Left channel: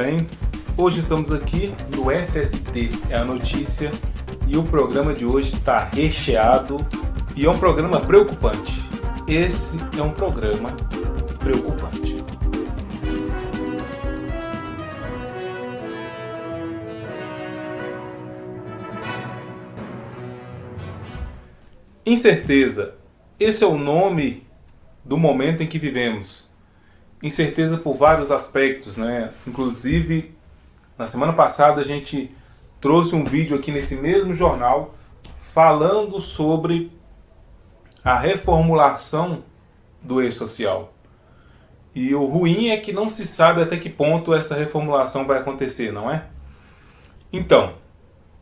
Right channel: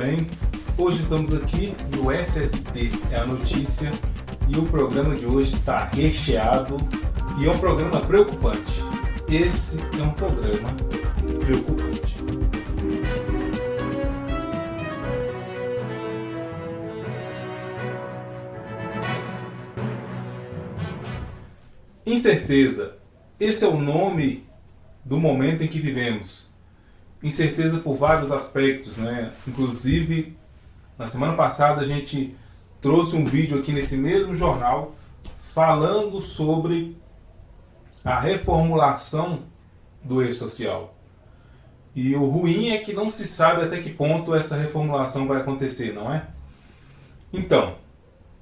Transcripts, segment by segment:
bem? Hoje estamos aqui no SST, é a notícia, e o programa de hoje está recheado e é um programa preocupante. Esse é um programa preocupante. Incerteza. Esse é o nome do momento em que vivemos. Incerteza por vários aspectos, né? Inclusive, na semana passada a gente trouxe um vídeo aqui nesse mesmo jornal falando sobre a reformulação do e-social. E o ruim é que não se sabe até que ponto essa reformulação vai acontecer, não é? Então,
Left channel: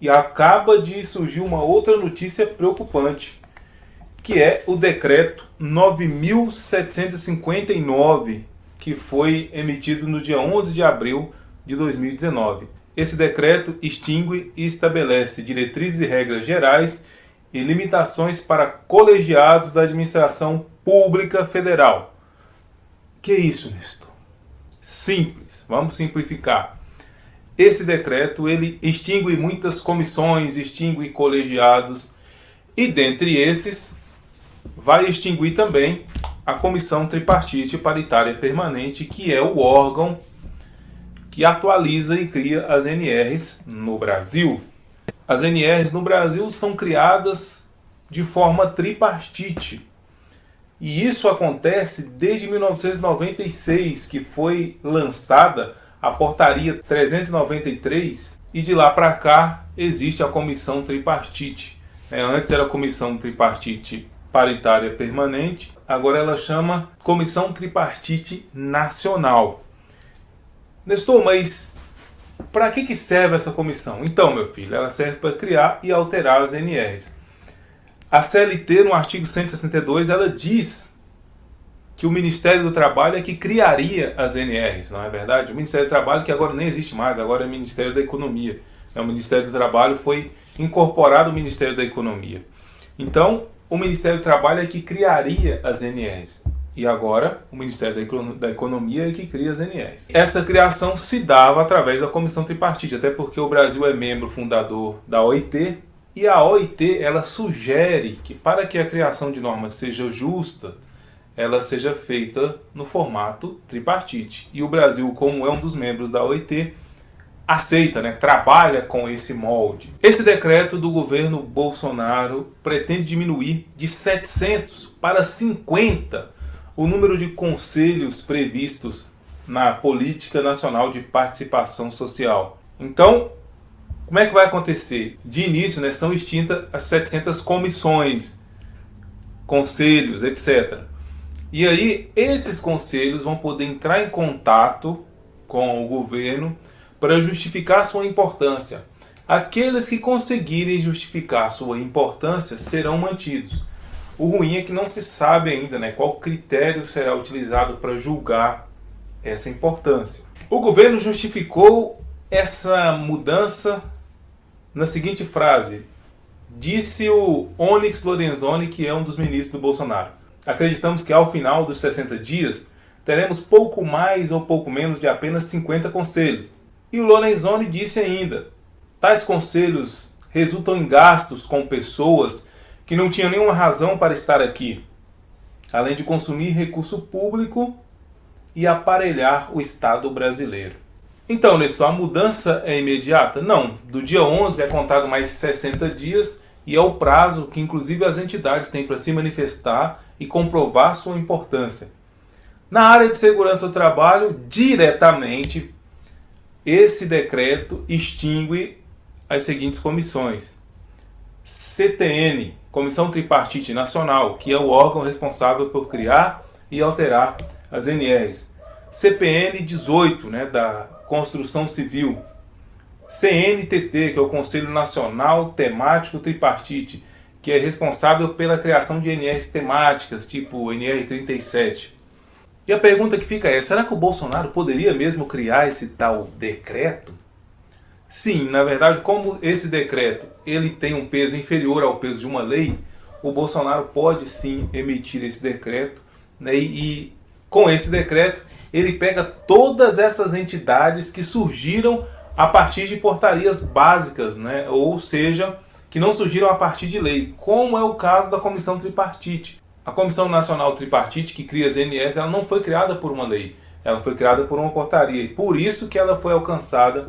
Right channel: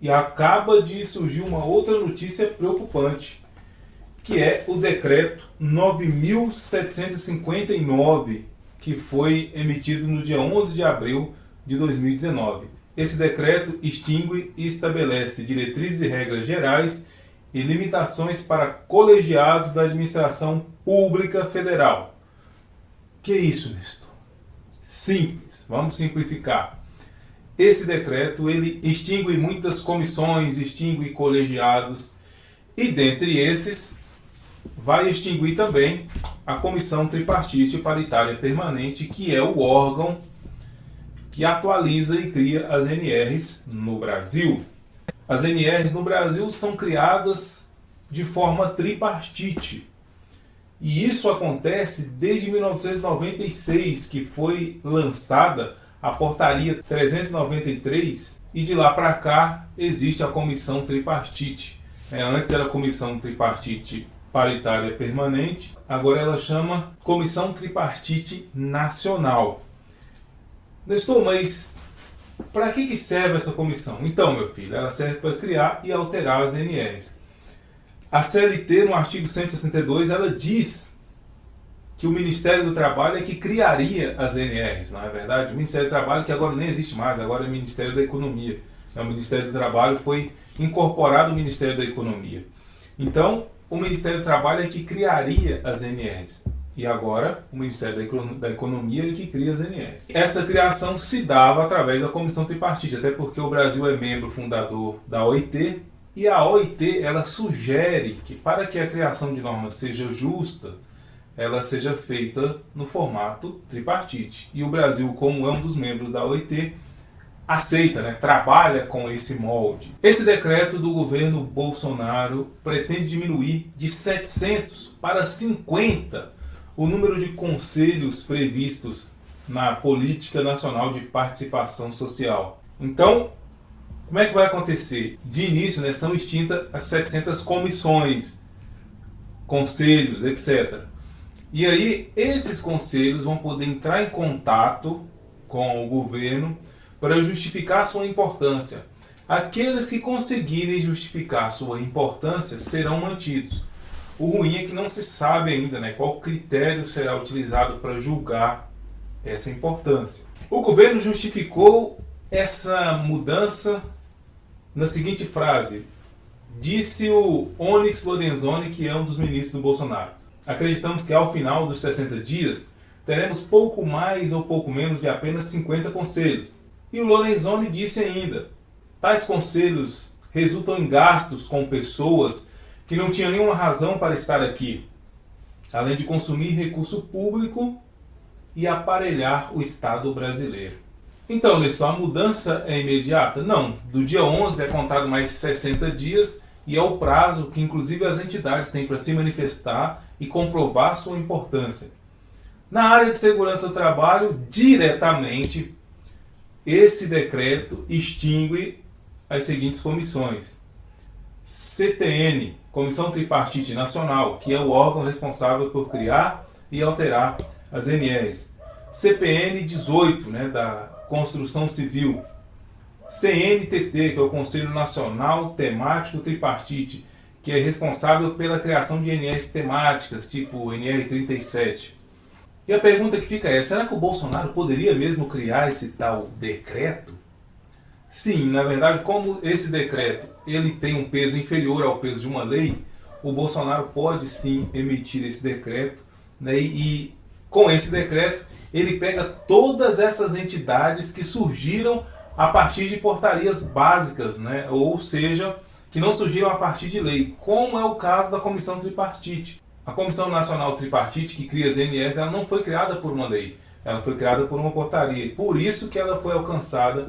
e acaba de surgir uma outra notícia preocupante, que é o decreto 9.759, que foi emitido no dia 11 de abril de 2019. Esse decreto extingue e estabelece diretrizes e regras gerais e limitações para colegiados da administração pública federal. Que isso, Nestor? Simples, vamos simplificar. Esse decreto ele extingue muitas comissões, extingue colegiados e dentre esses vai extinguir também a Comissão Tripartite Paritária Permanente, que é o órgão que atualiza e cria as NRs no Brasil. As NRs no Brasil são criadas de forma tripartite. E isso acontece desde 1996, que foi lançada a Portaria 393, e de lá para cá existe a Comissão Tripartite. Antes era a Comissão Tripartite Paritária Permanente, agora ela chama Comissão Tripartite Nacional. Nestor, mas para que serve essa comissão? Então, meu filho, ela serve para criar e alterar as NRs. A CLT, no artigo 162, ela diz que o Ministério do Trabalho é que criaria as NRs, não é verdade? O Ministério do Trabalho, que agora nem existe mais, agora é o Ministério da Economia. O Ministério do Trabalho foi incorporado ao Ministério da Economia. Então, o Ministério do Trabalho é que criaria as NRs. E agora, o Ministério da Economia é que cria as NRs. Essa criação se dava através da Comissão Tripartite, até porque o Brasil é membro fundador da OIT, e a OIT ela sugere que para que a criação de normas seja justa, ela seja feita no formato tripartite. E o Brasil, como é um dos membros da OIT, aceita, trabalha com esse molde. Esse decreto do governo Bolsonaro pretende diminuir de 700 para 50 o número de conselhos previstos na Política Nacional de Participação Social. Então, como é que vai acontecer? De início, são extintas as 700 comissões, conselhos, etc. E aí, esses conselhos vão poder entrar em contato com o governo para justificar sua importância. Aqueles que conseguirem justificar sua importância serão mantidos. O ruim é que não se sabe ainda qual critério será utilizado para julgar essa importância. O governo justificou essa mudança na seguinte frase. Disse o Onyx Lorenzoni, que é um dos ministros do Bolsonaro: acreditamos que ao final dos 60 dias teremos pouco mais ou pouco menos de apenas 50 conselhos. E o Lorenzoni disse ainda: tais conselhos resultam em gastos com pessoas que não tinham nenhuma razão para estar aqui, além de consumir recurso público e aparelhar o Estado brasileiro. Então, Nestor, a mudança é imediata? Não. Do dia 11 é contado mais 60 dias e é o prazo que inclusive as entidades têm para se manifestar e comprovar sua importância. Na área de segurança do trabalho, diretamente, esse decreto extingue as seguintes comissões: CTN, Comissão Tripartite Nacional, que é o órgão responsável por criar e alterar as NRs. CPN 18, da Construção Civil. CNTT, que é o Conselho Nacional Temático Tripartite, que é responsável pela criação de NRs temáticas, tipo NR 37. E a pergunta que fica é: será que o Bolsonaro poderia mesmo criar esse tal decreto? Sim, na verdade, como esse decreto ele tem um peso inferior ao peso de uma lei, o Bolsonaro pode sim emitir esse decreto, e com esse decreto ele pega todas essas entidades que surgiram a partir de portarias básicas, né? Ou seja, que não surgiram a partir de lei, como é o caso da Comissão Tripartite. A Comissão Nacional Tripartite, que cria as ANS, ela não foi criada por uma lei, ela foi criada por uma portaria, e por isso que ela foi alcançada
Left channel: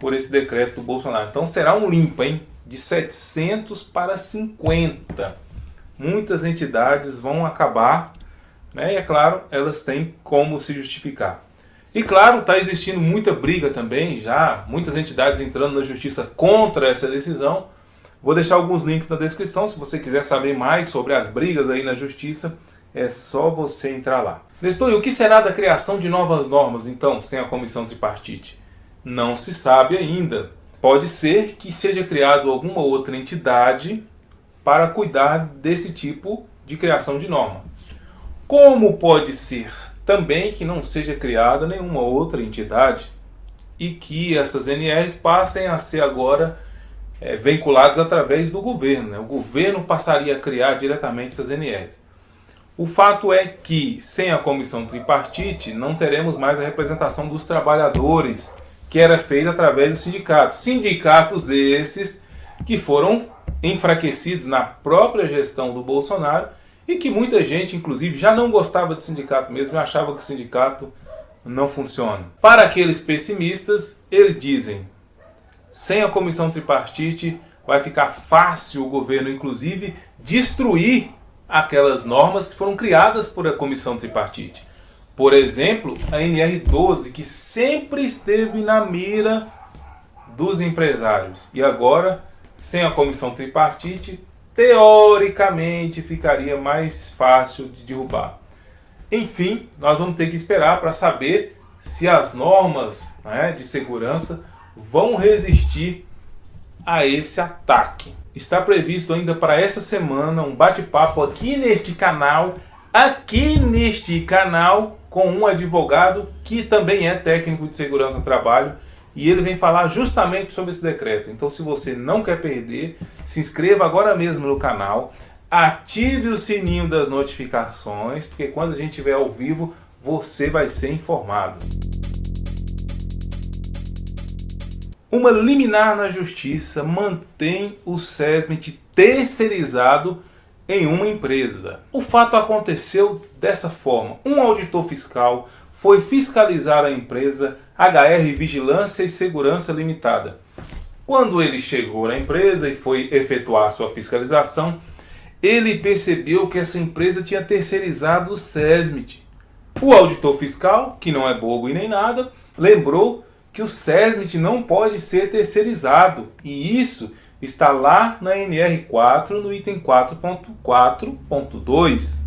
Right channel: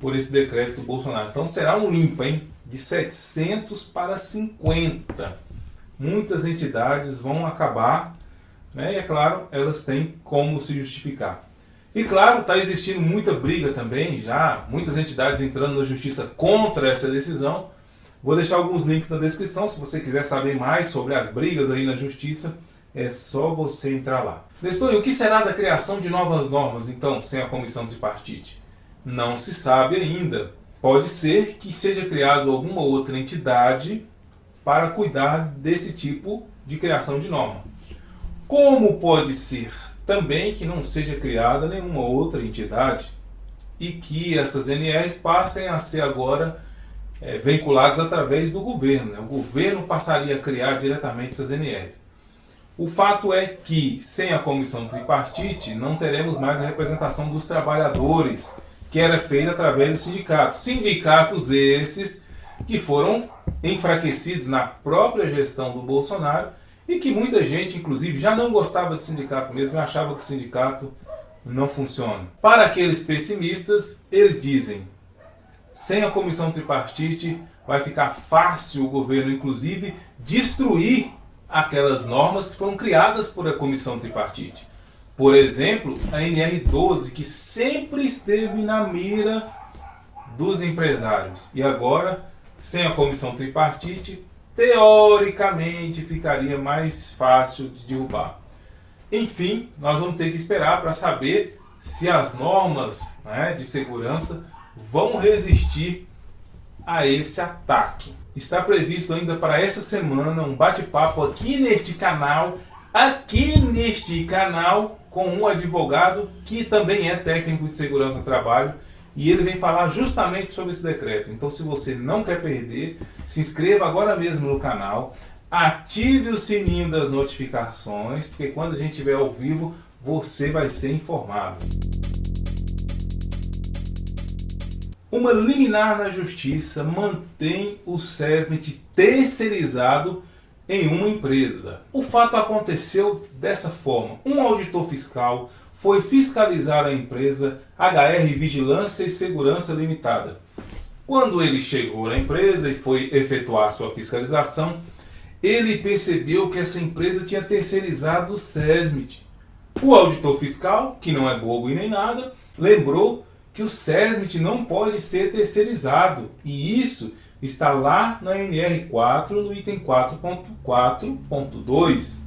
por esse decreto do Bolsonaro. Então será um limpa, hein? De 700 para 50. Muitas entidades vão acabar, né? E é claro, elas têm como se justificar. E claro, está existindo muita briga também, já muitas entidades entrando na justiça contra essa decisão. Vou deixar alguns links na descrição, se você quiser saber mais sobre as brigas aí na justiça, é só você entrar lá. Nestor, e o que será da criação de novas normas, então, sem a comissão tripartite? Não se sabe ainda. Pode ser que seja criado alguma outra entidade para cuidar desse tipo de criação de norma. Como pode ser também que não seja criada nenhuma outra entidade e que essas NRs passem a ser agora vinculadas através do governo, né? O governo passaria a criar diretamente essas NRs. O fato é que, sem a comissão tripartite, não teremos mais a representação dos trabalhadores, que era feita através dos sindicatos. Sindicatos esses que foram enfraquecidos na própria gestão do Bolsonaro e que muita gente, inclusive, já não gostava de sindicato mesmo, achava que o sindicato não funciona. Para aqueles pessimistas, eles dizem: sem a comissão tripartite vai ficar fácil o governo, inclusive, destruir aquelas normas que foram criadas por a comissão tripartite. Por exemplo, a NR12, que sempre esteve na mira dos empresários. E agora, sem a comissão tripartite, teoricamente ficaria mais fácil de derrubar. Enfim, nós vamos ter que esperar para saber se as normas, né, de segurança vão resistir a esse ataque. Está previsto ainda para essa semana um bate-papo aqui neste canal, com um advogado que também é técnico de segurança do trabalho, e ele vem falar justamente sobre esse decreto. Então, se você não quer perder, se inscreva agora mesmo no canal, ative o sininho das notificações, porque quando a gente estiver ao vivo, você vai ser informado. Uma liminar na justiça mantém o SESMIT terceirizado em uma empresa. O fato aconteceu dessa forma. Um auditor fiscal foi fiscalizar a empresa HR Vigilância e Segurança Limitada. Quando ele chegou na empresa e foi efetuar sua fiscalização, ele percebeu que essa empresa tinha terceirizado o SESMIT. O auditor fiscal, que não é bobo e nem nada, lembrou que o SESMIT não pode ser terceirizado, e isso está lá na NR4, no item 4.4.2.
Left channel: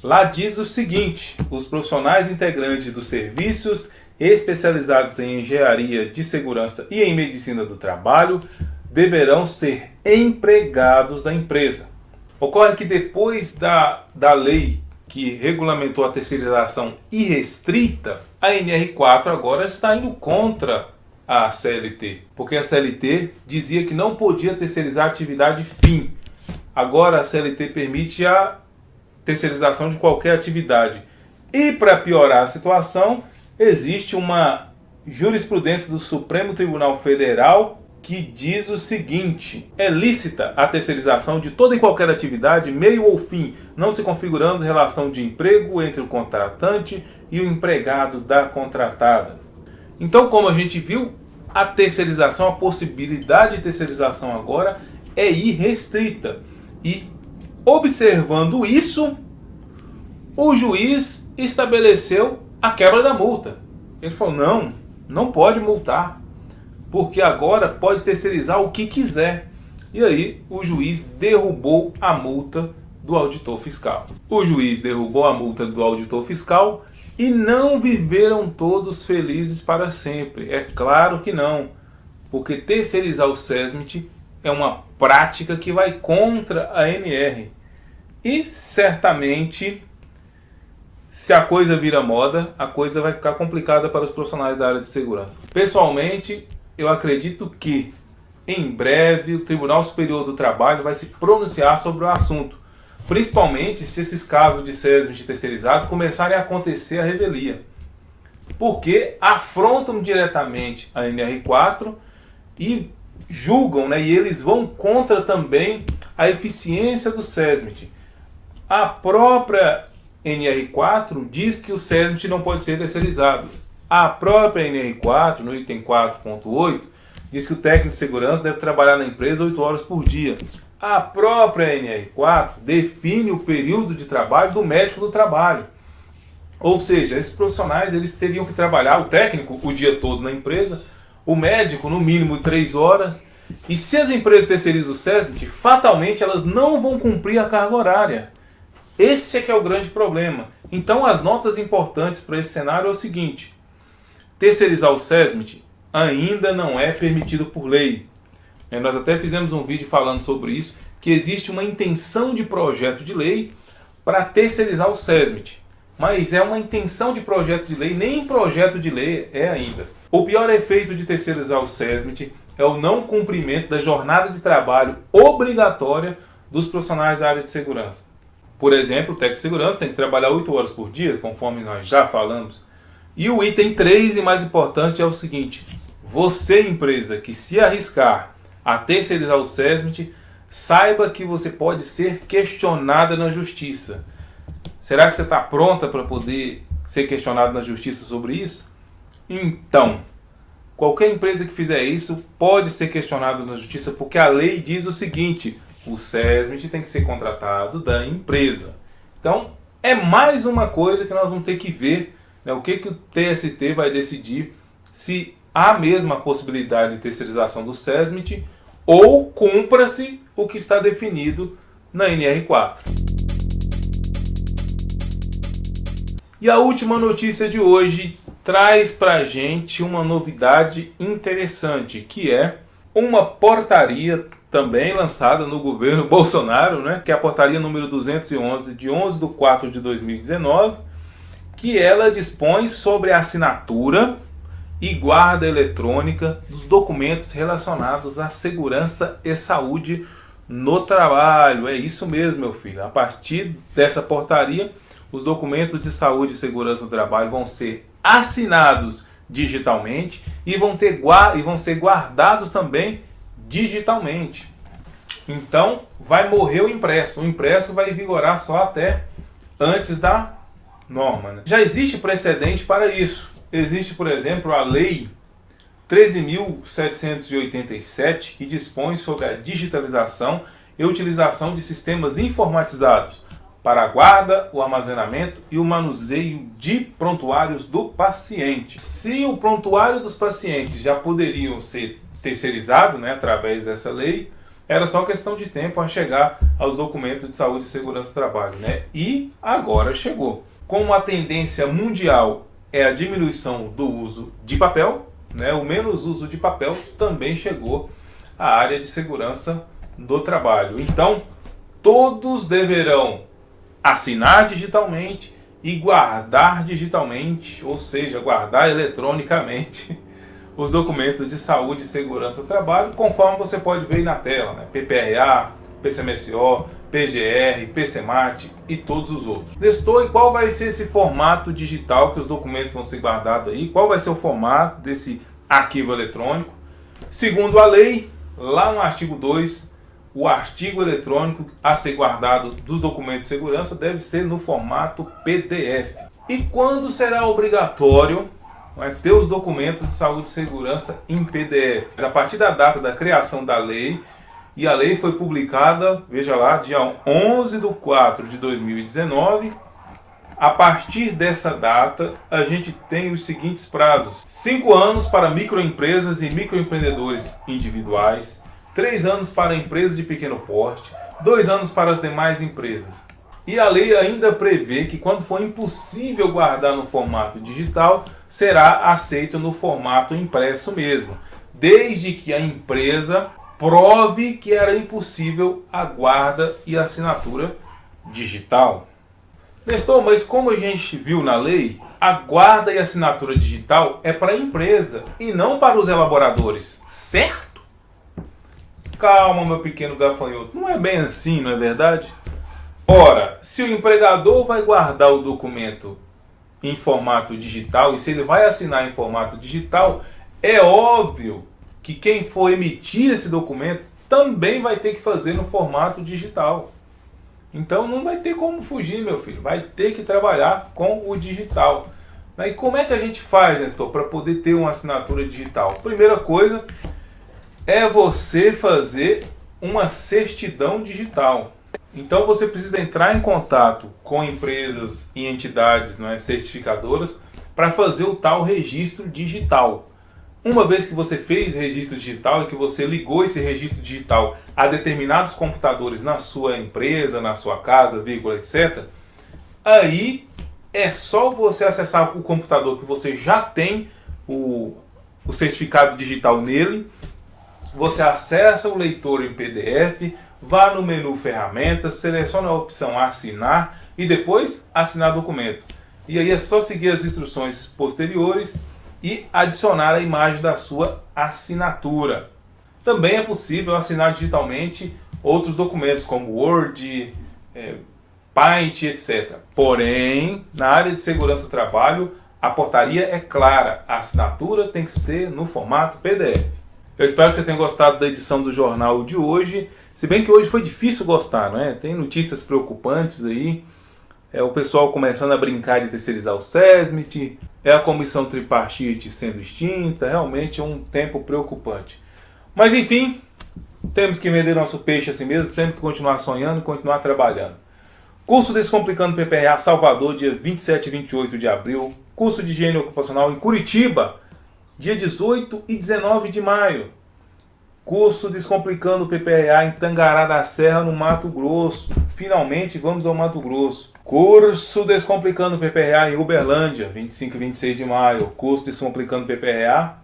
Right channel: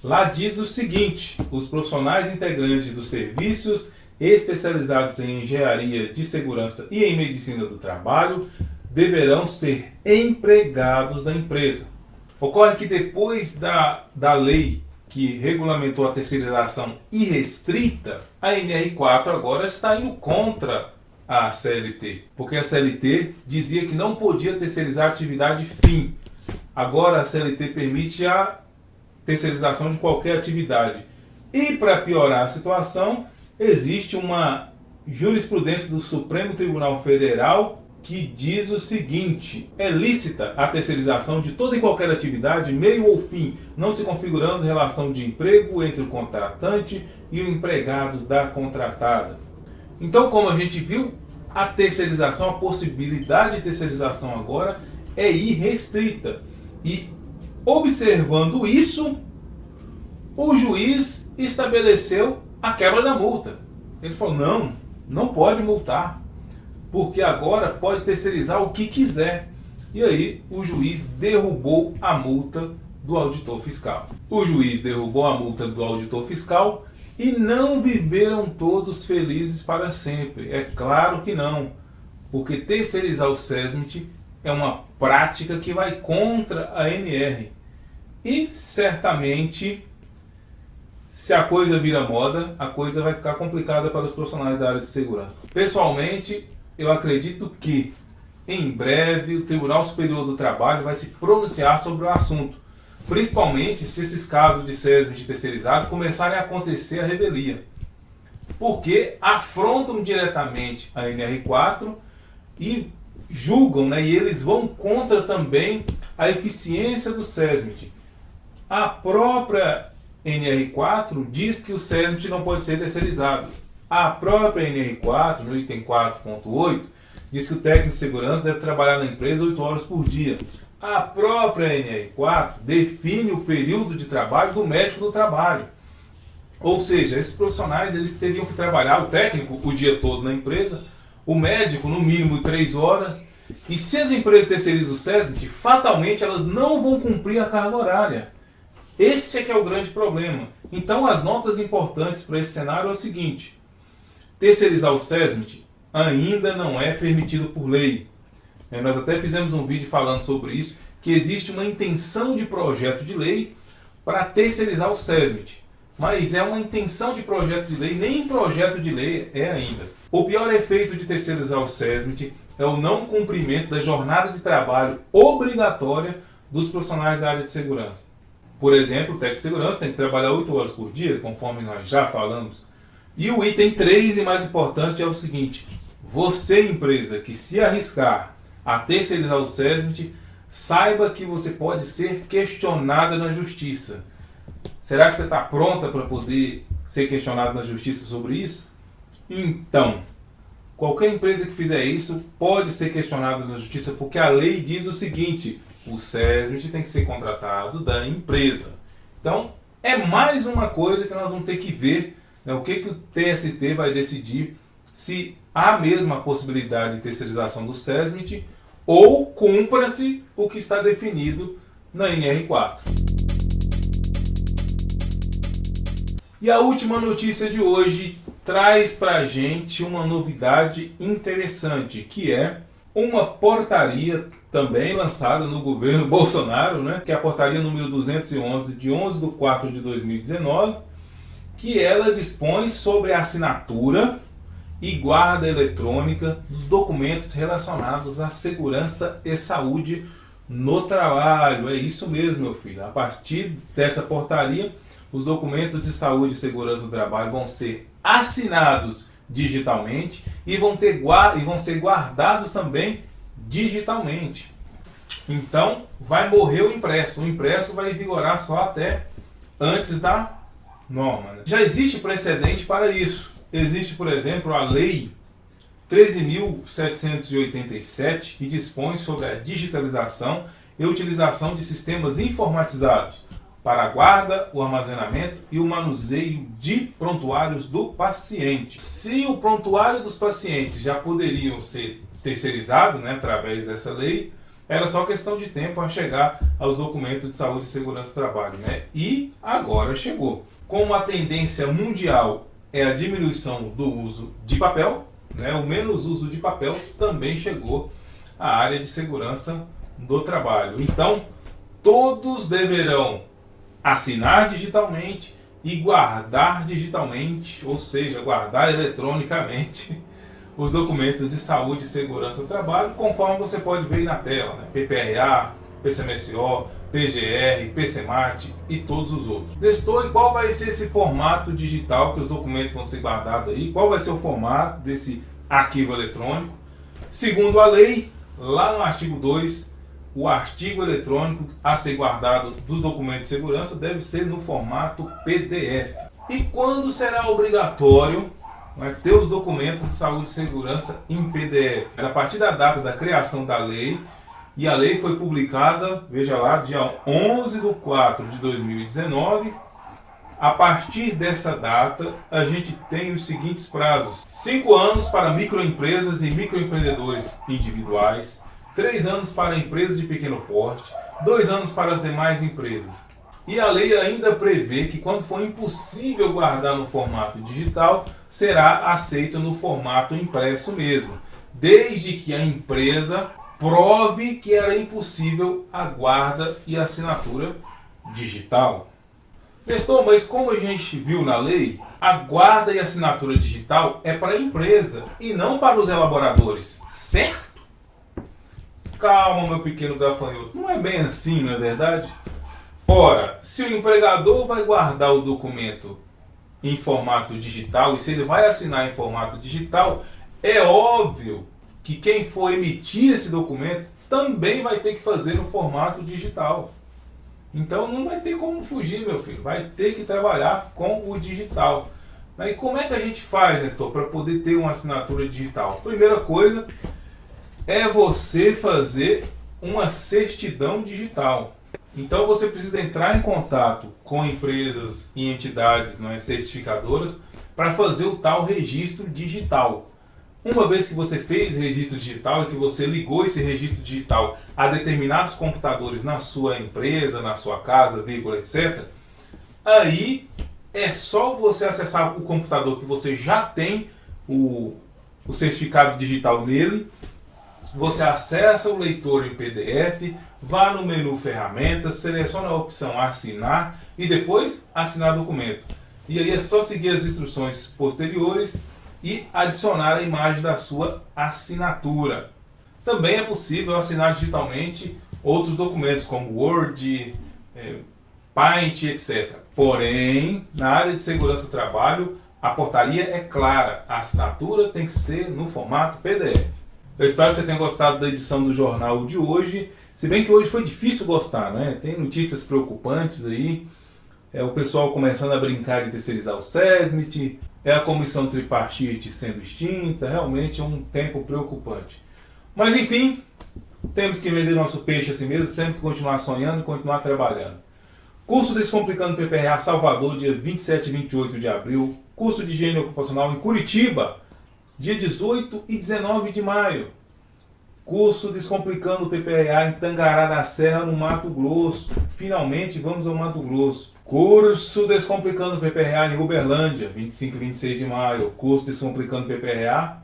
Lá diz o seguinte: os profissionais integrantes dos serviços especializados em engenharia de segurança e em medicina do trabalho deverão ser empregados da empresa. Ocorre que depois da lei que regulamentou a terceirização irrestrita, a NR4 agora está indo contra a CLT, porque a CLT dizia que não podia terceirizar a atividade fim. Agora a CLT permite a terceirização de qualquer atividade. E para piorar a situação, existe uma jurisprudência do Supremo Tribunal Federal que diz o seguinte: é lícita a terceirização de toda e qualquer atividade, meio ou fim, não se configurando relação de emprego entre o contratante e o empregado da contratada. Então, como a gente viu, a terceirização, a possibilidade de terceirização agora é irrestrita. E, observando isso, o juiz estabeleceu a quebra da multa. Ele falou: não pode multar, porque agora pode terceirizar o que quiser. E aí o juiz derrubou a multa do auditor fiscal. O juiz derrubou a multa do auditor fiscal e não viveram todos felizes para sempre. É claro que não, porque terceirizar o SESMIT é uma prática que vai contra a NR. E certamente, se a coisa vira moda, a coisa vai ficar complicada para os profissionais da área de segurança. Pessoalmente, eu acredito que, em breve, o Tribunal Superior do Trabalho vai se pronunciar sobre o assunto, principalmente se esses casos de SESMIT terceirizado começarem a acontecer a revelia. porque afrontam diretamente a NR4 e julgam, né, e eles vão contra também a eficiência do SESMIT. A própria NR4 diz que o SESMIT não pode ser terceirizado. A própria NR4, no item 4.8, diz que o técnico de segurança deve trabalhar na empresa 8 horas por dia. A própria NR4 define o período de trabalho do médico do trabalho. Ou seja, esses profissionais eles teriam que trabalhar, o técnico o dia todo na empresa, o médico no mínimo 3 horas. E se as empresas terceirizam o SESMIT, fatalmente elas não vão cumprir a carga horária. Esse é que é o grande problema. Então as notas importantes para esse cenário é o seguinte: terceirizar o SESMIT ainda não é permitido por lei. Nós até fizemos um vídeo falando sobre isso, que existe uma intenção de projeto de lei para terceirizar o SESMIT. Mas é uma intenção de projeto de lei, nem projeto de lei é ainda. O pior efeito de terceirizar o SESMIT é o não cumprimento da jornada de trabalho obrigatória dos profissionais da área de segurança. Por exemplo, o técnico de segurança tem que trabalhar 8 horas por dia, conforme nós já falamos. E o item 3, e mais importante, é o seguinte: você, empresa, que se arriscar a terceirizar o SESMIT, saiba que você pode ser questionada na justiça. Será que você está pronta para poder ser questionado na justiça sobre isso? Então, qualquer empresa que fizer isso pode ser questionada na justiça, porque a lei diz o seguinte: o SESMIT tem que ser contratado da empresa. Então, é mais uma coisa que nós vamos ter que ver, né, o que o TST vai decidir, se há mesmo a possibilidade de terceirização do SESMIT ou cumpra-se o que está definido na NR4. E a última notícia de hoje traz para a gente uma novidade interessante, que é uma portaria também lançada no governo Bolsonaro, né, que é a portaria número 211, de 11/4/2019, que ela dispõe sobre a assinatura e guarda eletrônica dos documentos relacionados à segurança e saúde no trabalho. É isso mesmo, meu filho. A partir dessa portaria, os documentos de saúde e segurança do trabalho vão ser assinados digitalmente e vão ser guardados também digitalmente. Então, vai morrer o impresso. O impresso vai vigorar só até antes da norma, né? Já existe precedente para isso. Existe, por exemplo, a Lei 13.787, que dispõe sobre a digitalização e utilização de sistemas informatizados para a guarda, o armazenamento e o manuseio de prontuários do paciente. Se o prontuário dos pacientes já poderiam ser terceirizados, né, através dessa lei, era só questão de tempo a chegar aos documentos de saúde e segurança do trabalho, né? E agora chegou. Como a tendência mundial é a diminuição do uso de papel, né, o menos uso de papel, também chegou à área de segurança do trabalho. Então, todos deverão assinar digitalmente e guardar digitalmente, ou seja, guardar eletronicamente os documentos de saúde e segurança do trabalho, conforme você pode ver aí na tela, né? PPRA, PCMSO, PGR, PCMAT e todos os outros. Testou e qual vai ser esse formato digital que os documentos vão ser guardados aí? Qual vai ser o formato desse arquivo eletrônico? Segundo a lei, lá no artigo 2, o artigo eletrônico a ser guardado dos documentos de segurança deve ser no formato PDF. E quando será obrigatório ter os documentos de saúde e segurança em PDF? A partir da data da criação da lei, e a lei foi publicada, veja lá, dia 11/4/2019. A partir dessa data, a gente tem os seguintes prazos: 5 anos para microempresas e microempreendedores individuais, 3 anos para empresas de pequeno porte, 2 anos para as demais empresas. E a lei ainda prevê que quando for impossível guardar no formato digital, será aceito no formato impresso mesmo, desde que a empresa prove que era impossível a guarda e assinatura digital. Nestor, mas como a gente viu na lei, a guarda e assinatura digital é para a empresa e não para os elaboradores, certo? Calma, meu pequeno gafanhoto, não é bem assim, não é verdade? Ora, se o empregador vai guardar o documento em formato digital, e se ele vai assinar em formato digital, é óbvio que quem for emitir esse documento também vai ter que fazer no formato digital. Então não vai ter como fugir, meu filho, vai ter que trabalhar com o digital. E como é que a gente faz, Nestor, para poder ter uma assinatura digital? Primeira coisa é você fazer uma certidão digital. Então você precisa entrar em contato com empresas e entidades, não é, certificadoras para fazer o tal registro digital. Uma vez que você fez o registro digital e que você ligou esse registro digital a determinados computadores na sua empresa, na sua casa, vírgula, etc., aí é só você acessar o computador que você já tem o certificado digital nele, você acessa o leitor em PDF, vá no menu ferramentas, seleciona a opção assinar e depois assinar documento. E aí é só seguir as instruções posteriores e adicionar a imagem da sua assinatura. Também é possível assinar digitalmente outros documentos como Word, Paint, etc. Porém, na área de segurança do trabalho, a portaria é clara, a assinatura tem que ser no formato PDF. Eu espero que você tenha gostado da edição do jornal de hoje, se bem que hoje foi difícil gostar, né? Tem notícias preocupantes aí, o pessoal começando a brincar de terceirizar o SESMIT, a comissão tripartite sendo extinta, realmente é um tempo preocupante. Mas enfim, temos que vender nosso peixe assim mesmo, temos que continuar sonhando e continuar trabalhando. Curso Descomplicando PPRA Salvador, dia 27 e 28 de abril. Curso de Higiene Ocupacional em Curitiba, dia 18 e 19 de maio. Curso Descomplicando PPRA em Tangará da Serra, no Mato Grosso. Finalmente vamos ao Mato Grosso. Curso Descomplicando PPRA em Uberlândia, 25 e 26 de maio. Curso Descomplicando PPRA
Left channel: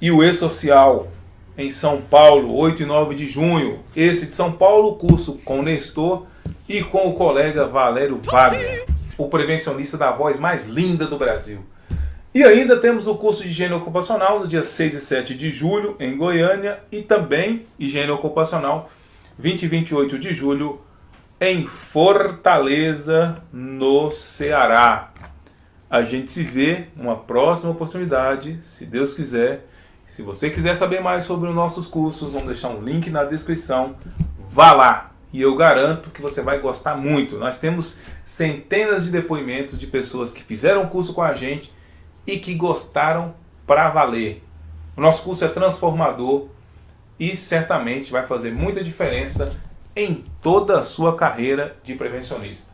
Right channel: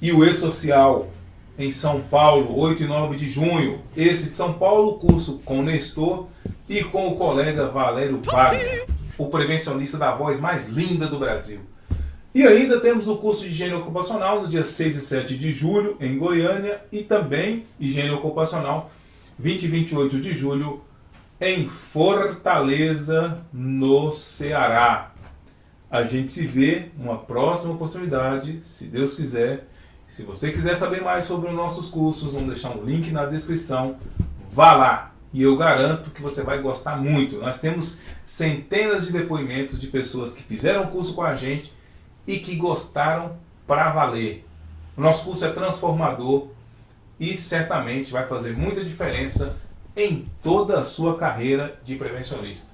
e o E-Social em São Paulo, 8 e 9 de junho. Esse de São Paulo, curso com o Nestor e com o colega Valério Wagner, o prevencionista da voz mais linda do Brasil. E ainda temos o curso de Higiene Ocupacional no dia 6 e 7 de julho em Goiânia e também Higiene Ocupacional 20 e 28 de julho em Fortaleza, no Ceará. A gente se vê numa próxima oportunidade, se Deus quiser. Se você quiser saber mais sobre os nossos cursos, vamos deixar um link na descrição. Vá lá e eu garanto que você vai gostar muito. Nós temos centenas de depoimentos de pessoas que fizeram o curso com a gente e que gostaram pra valer. O nosso curso é transformador e certamente vai fazer muita diferença em toda a sua carreira de prevencionista.